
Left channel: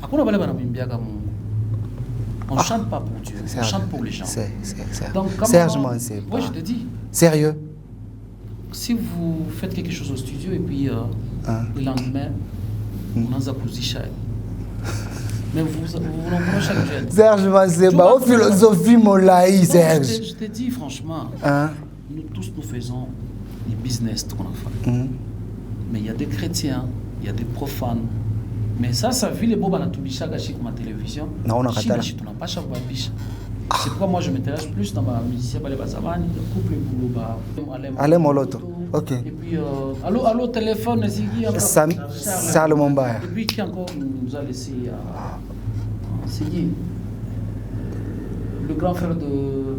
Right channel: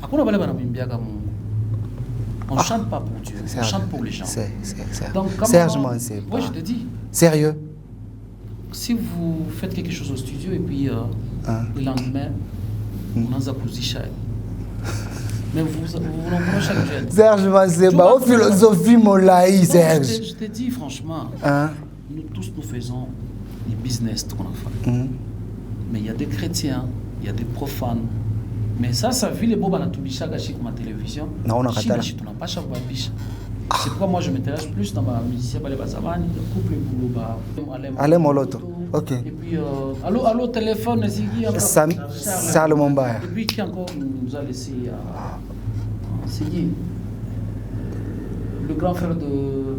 À quoi on va aller dans imbia comme on chante pas pour Dieu, on chante pour les gens. Donc, sérieusement, c'est. Oui, je te dis. Sérieux? Si vous faites quelque chose au studio et puis le lendemain, on a Zakouzi. Mais vous l'en chaque jeune. Serge, c'est pas une philosophie, mon laï, Serge. Je te dis franchement, nous tous nous faisons des business tout qu'on a fait. Mais il y a des chrétiens, il y a des profanes. Mais ça vit les bobas dans tout bicha gâché comme à télévision. Non, on a raté. Tu n'as pas chaque bicha. C'est pourquoi moi je m'intéresse plus dans ma musicien Balé Bazavani, le couple Boulouba, Allez Moloto. Ok. Et puis, allô, téléphone, c'est qui encore? Charles Mombaya. Et puis, qui encore nous a laissé c'est qui? Le grand frère de...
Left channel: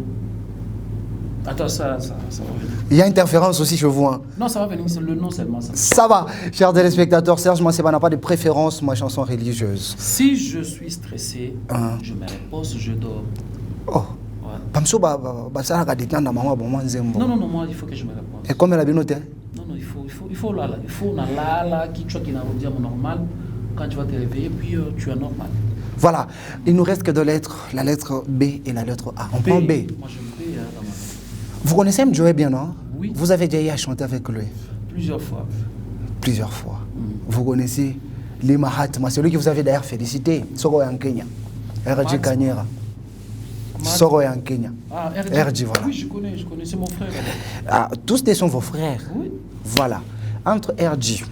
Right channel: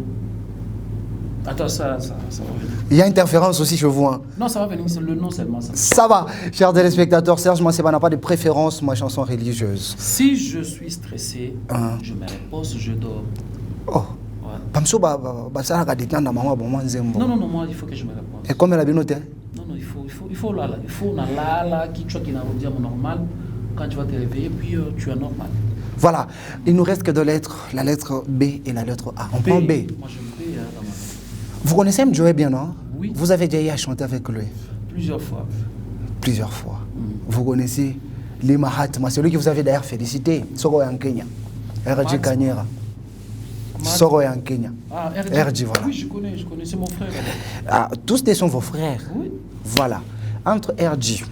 Attends, ça va venir. Il y a interférence aussi chez vous. Hein. Non, ça va venir, c'est le nom seulement. Ça va, chers téléspectateurs. Serge Manseba n'a pas de préférence, ma chanson religieuse. Si je suis stressé, je me repose, je dors. Oh. Ouais. Non, moi, il faut que je me repose. Et comme elle a bien noté? Non, il faut là. Il faut là, qui n'a pas normal. Quand tu vas te réveiller, puis tu es normal. Voilà, il nous reste que deux lettres, la lettre B et la lettre A. On prend B. Moi, j'aime B. Vous connaissez Mjoé bien, non? Oui. Vous avez déjà eu à chanter avec lui? Plusieurs fois. Plusieurs fois. Vous connaissez les Mahatma, celui que vous avez d'ailleurs félicité, Soro en Kenya. RJ Kanyera. Soro en Kenya. Ah, RJ, voilà. Oui, je connais, c'est mon frère. Ah, tous deux sont vos frères. Oui. Voilà. Entre RJ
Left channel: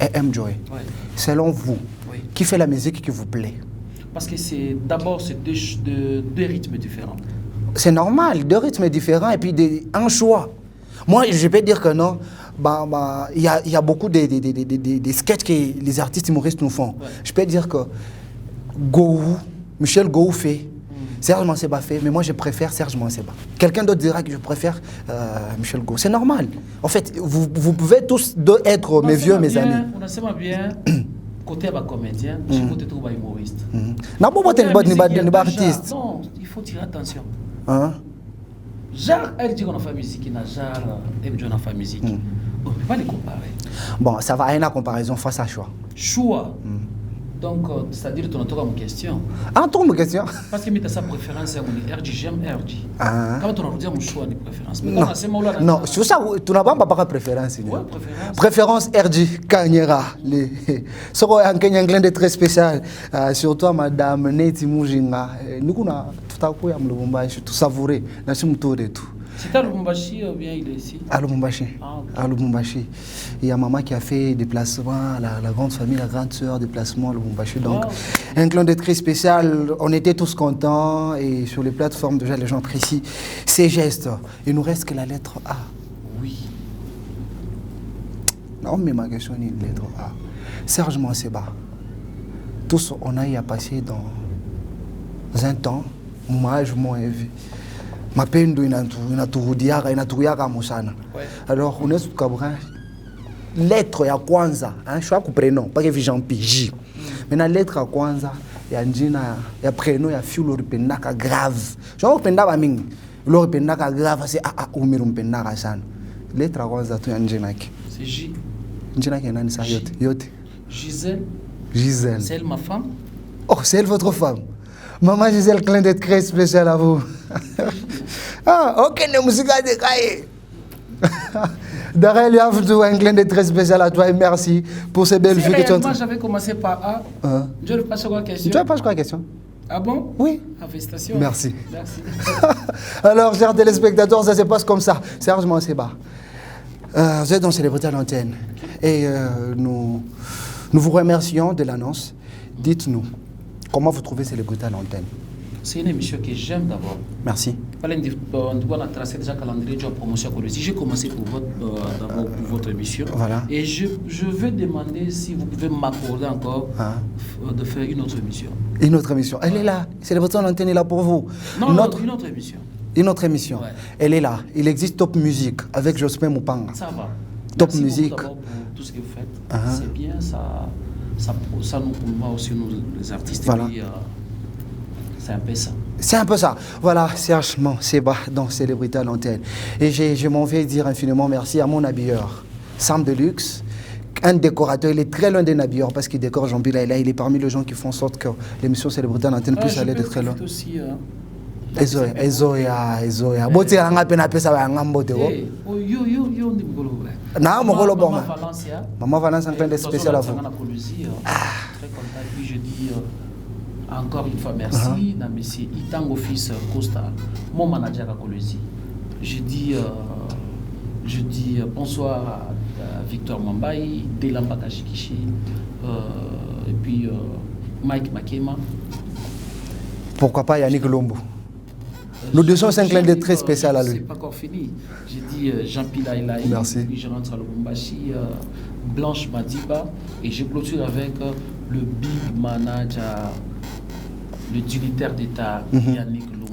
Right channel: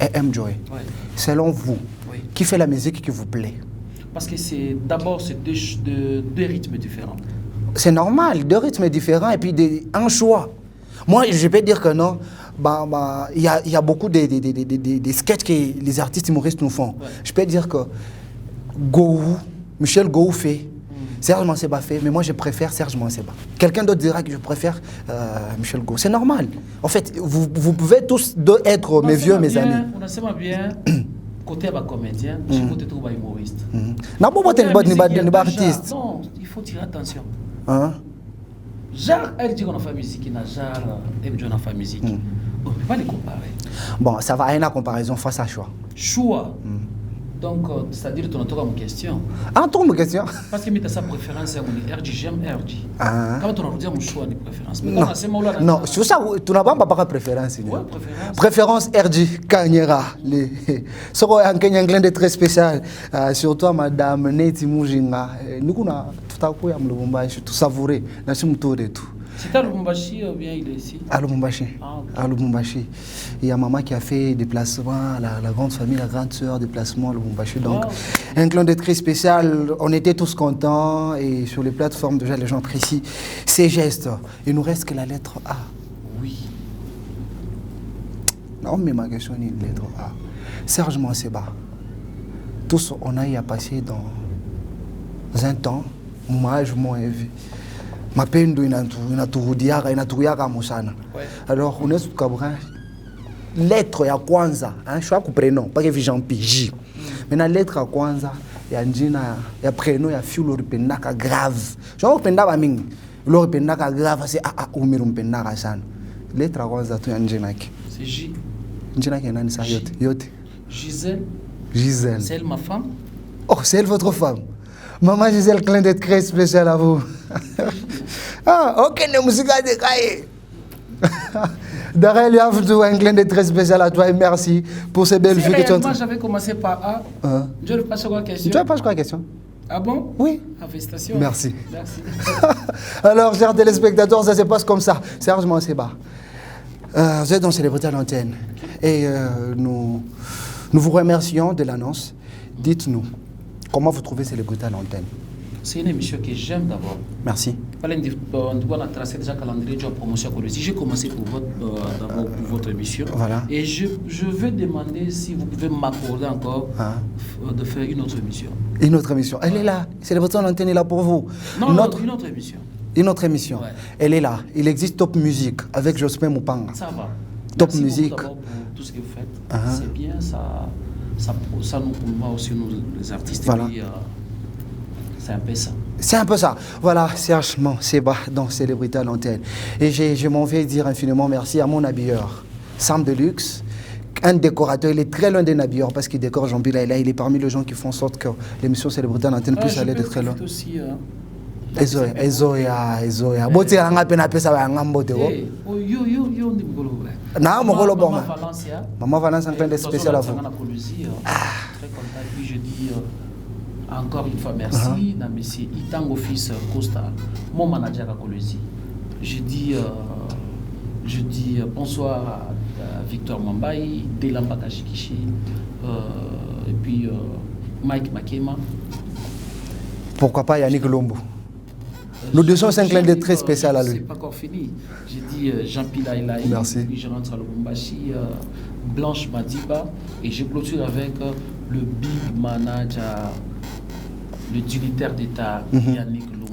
et Mjoé, selon vous, qui fait la musique qui vous plaît? Parce que c'est deux rythmes différents. C'est normal, deux rythmes différents et puis un choix. Moi, je peux dire que non. Il y a beaucoup de sketchs que les artistes humoristes nous font. Ouais. Je peux dire que Michel Gou fait, Serge Manseba fait, mais moi je préfère Serge Manseba. Quelqu'un d'autre dira que je préfère Michel Gou. C'est normal. En fait, vous pouvez tous deux être mes vieux, mes amis. On a seulement bien côté comédien, côté humoriste. Non, artiste. Non, il faut tirer attention. Hein? Genre, elle dit qu'on a fait musique, il a genre, elle dit qu'on a fait musique. On ne peut pas les comparer. Bon, ça va à une comparaison face à choix. Choix. Donc, c'est-à-dire, tu as une question. Ah, tu as une question? Parce que tu as sa préférence, RJ, j'aime RJ. Quand tu as dit mon choix de préférence. Non, sur ça, tu n'as pas de préférence. Oui, préférence. Préférence RJ Kanyera. Ce qui est un Anglais très spécial. Surtout, madame Neti Moujinga. Nous avons tout savouré. Nous avons tout de tout. C'est à Lubumbashi ou bien il est ici? À Lubumbashi. À Lubumbashi. Il y a maman qui a fait des déplacements, la grande famille, la grande sœur, déplacement à Lubumbashi. Donc, un clin d'œil très spécial. On était tous contents et sur les plateformes, déjà, les gens apprécient ces gestes. Il nous reste que la lettre A. Oui. Non, mais ma question est une lettre A. Serge Manseba. Tous, on a eu à passer dans un temps, mon âge, mon vie. Mapendo inaturudiaka musana. Alors on est sous kabra lettre ya kwanza, hein, choix ku prénom, pas que Jean J. Mais la lettre ya kwanza ya njina ya prénom ya filo ripendaka grave. Genre pendaka mingi. Lo ripendaka grave c'est umiru mpendaka sana. Lettre ya kwanza tu ya njina ki. C'est J. Njina ki nani sa yote? Gisèle. Gisèle. C'est elle ma femme? Oh, c'est elle votre femme. Maman Gisèle, clin d'être très spécial à vous. Ok, la musique a décaillé. Darrell, il y a un clin d'être très spécial à toi et merci pour ces belles vues que tu as. Moi, j'avais commencé par A. Je ne passe quoi la question. Tu as pas quoi la question? Ah bon? Oui. Félicitations. Merci. Merci. Alors, chers téléspectateurs, ça se passe comme ça. Serge Manseba. Vous êtes dans Célébrité à l'antenne. Et nous vous remercions de l'annonce. Dites-nous. Comment vous trouvez Célébrité à l'antenne? C'est une émission que j'aime d'abord. Merci. On a tracé déjà le calendrier de la promotion. J'ai commencé pour votre émission. Voilà. Et je veux demander si vous pouvez m'accorder encore de faire une autre émission. Une autre émission. Elle est là. Célébrité à l'antenne est là pour vous. Non, une autre émission. Une autre émission. Ouais. Elle est là. Il existe Top Musique avec Jospin Moupanga. Ça va. Top Musique. Merci pour tout ce que vous faites. C'est bien, ça nous promeut aussi nous, les artistes. Voilà. Puis, c'est un peu ça. C'est un peu ça. Voilà, Serge Manseba dans Célébrité à l'antenne. Et je m'en vais dire infiniment merci à mon habilleur, Sam Deluxe, un décorateur. Il est très loin d'un habilleur parce qu'il décore Jean Bila. Il est parmi les gens qui font en sorte que l'émission Célébrité à l'antenne puisse aller de très loin. Aussi, Ezoya. Bote anga pena pesa ba ngamba bote ko. Yo ndi mukolo bra. Na mukolo bon. Valencia. Maman Valencia un peu spécial à vous. Très content. Puis je dis encore une fois merci à monsieur Itango fils Costa, mon manager à Colosie. Je dis bonsoir à Victor Mambaï, Delamba Kashikishi, et puis Mike Makema. Pourquoi pas Yannick Lombo? Nous descendons un clin d'œil très spécial à lui. C'est pas encore fini. J'ai dit Jean-Pierre Laïlaï. Merci. Puis je rentre à Lubumbashi, Blanche Madiba. Et je clôture avec le big manager, le dignitaire d'État, Yannick Lumbo.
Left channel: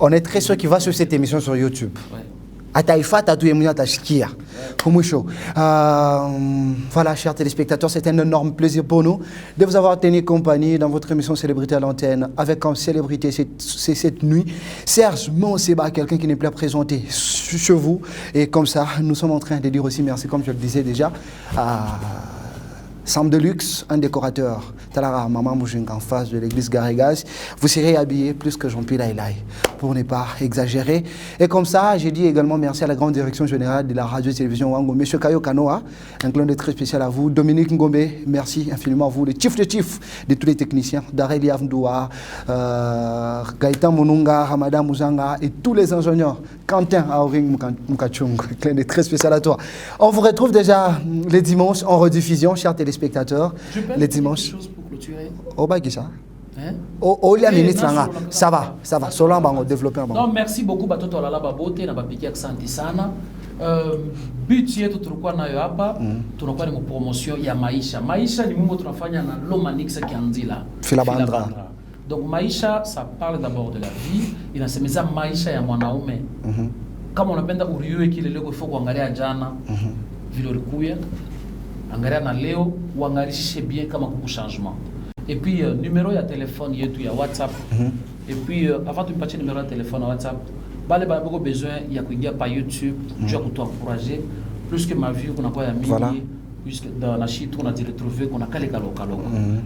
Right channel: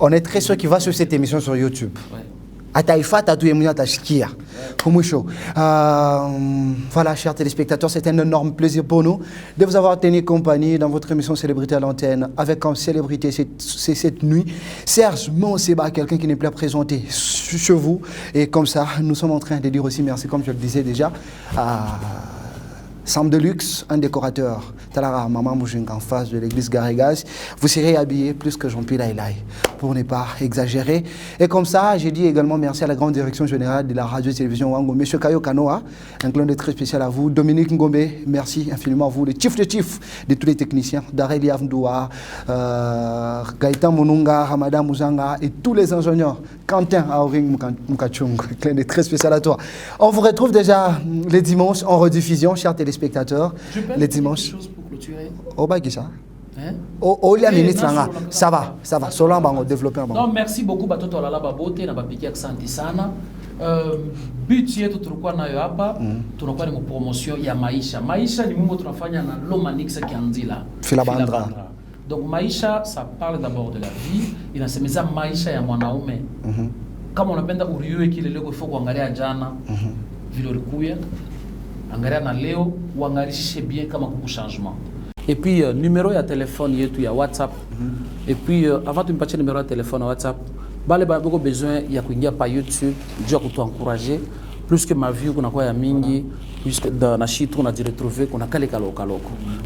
On est très sûr qu'il va sur cette émission sur YouTube. Ouais. Voilà, chers téléspectateurs, c'est un énorme plaisir pour nous de vous avoir tenu compagnie dans votre émission Célébrité à l'antenne avec comme célébrité cette nuit Serge Monseba, quelqu'un qui n'est plus présenté chez vous. Et comme ça, nous sommes en train de dire aussi merci, comme je le disais déjà, à Sam Deluxe, un décorateur, Talara Maman Moujing en face de l'église Garrigas. Vous serez habillé plus que Jean-Pierre Laïlaï, pour ne pas exagérer. Et comme ça, j'ai dit également merci à la grande direction générale de la radio-télévision Wango, M. Kayo Kanoa, un clin d'œil très spécial à vous. Dominique Ngombe, merci infiniment à vous, le chief de tous les techniciens, Dareli Avndoua, Gaëtan Monunga, Hamada Mouzanga et tous les ingénieurs. Quentin Aoring Mukachung, clin d'œil très spécial à toi. On vous retrouve déjà les dimanches en rediffusion, chers téléspectateurs. Je peux Les dire dimanches. quelque chose pour clôturer. Oh, bah, ça. Hein? Oh, la Eh, ministre, non, ça va. Solan, on va développer un bon. Non, merci beaucoup batoto lala babote na bapiki asante sana. But yetu tulikuwa nayo hapa tunakuwa ni promotion ya maisha. Maisha ni mambo tunafanya na Lomanix Kianzila. Filabandra. Donc maisha ça parle d'abord de la vie, inasemeza maisha ya mwanaume. Kama unapenda uriwe kile leo ifo kuangalia jana vile ulikuya. Angalia na leo uangarishe bien kama kuku changement. Et puis numéro ya téléphone yetu ya WhatsApp. Et puis avant de me passer numéro de téléphone WhatsApp, bale ba beaucoup besoin ya kuingia pa YouTube, je vais t'encourager plus que ma vie qu'on a quoi ya mingi puisque dans la chite on a dit retrouver qu'on a kale kalokalo.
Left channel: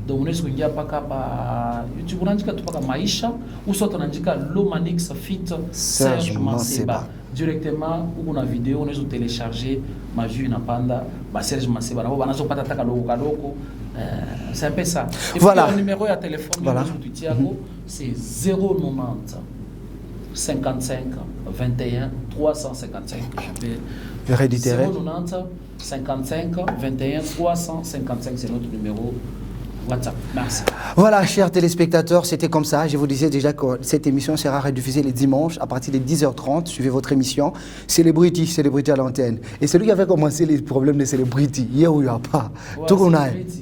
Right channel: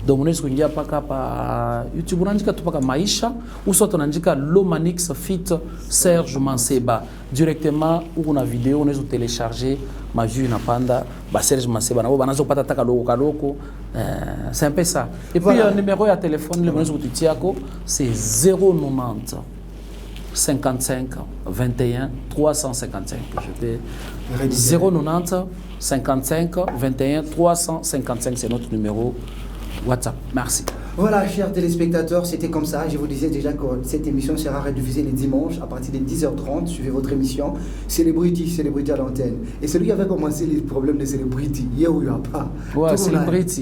Donc on est kuingia paka pa YouTube on andika tu paka maisha ou soit on andika Lomanix Fit Serge Monseba directement ou on a vidéo on est télécharger ma vue na panda ba Serge Monseba na banazo pata taka kaloko. C'est un peu ça. Et voilà. Puis le numéro de téléphone, voilà. C'est 090 55 21 355. 090 55 21 355, c'est notre numéro WhatsApp. Merci. Voilà, chers téléspectateurs, c'était comme ça. Je vous disais déjà que cette émission sera rediffusée les dimanches à partir de 10h30. Suivez votre émission Célébrité à l'antenne. Et celui qui avait commencé les problèmes de Célébrité, il n'y a pas.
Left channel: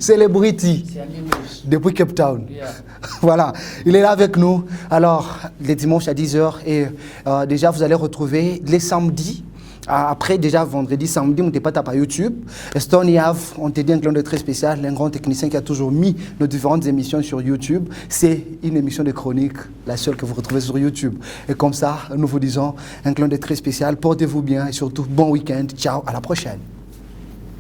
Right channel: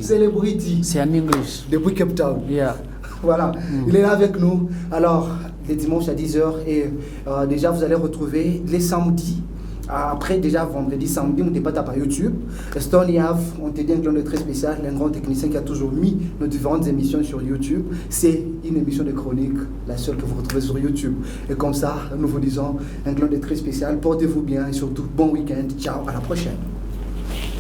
Célébrité. C'est en English. Depuis Cape Town. Yeah. Voilà, il est là avec nous. Alors, les dimanches à 10h. Et déjà, vous allez retrouver les samedis. Après, déjà vendredi, samedi, on n'était pas tapé à YouTube. Estonia, on t'a dit un clin d'œil très spécial, un grand technicien qui a toujours mis nos différentes émissions sur YouTube. C'est une émission de chronique, la seule que vous retrouvez sur YouTube. Et comme ça, nous vous disons un clin d'œil très spécial. Portez-vous bien et surtout, bon week-end. Ciao, à la prochaine.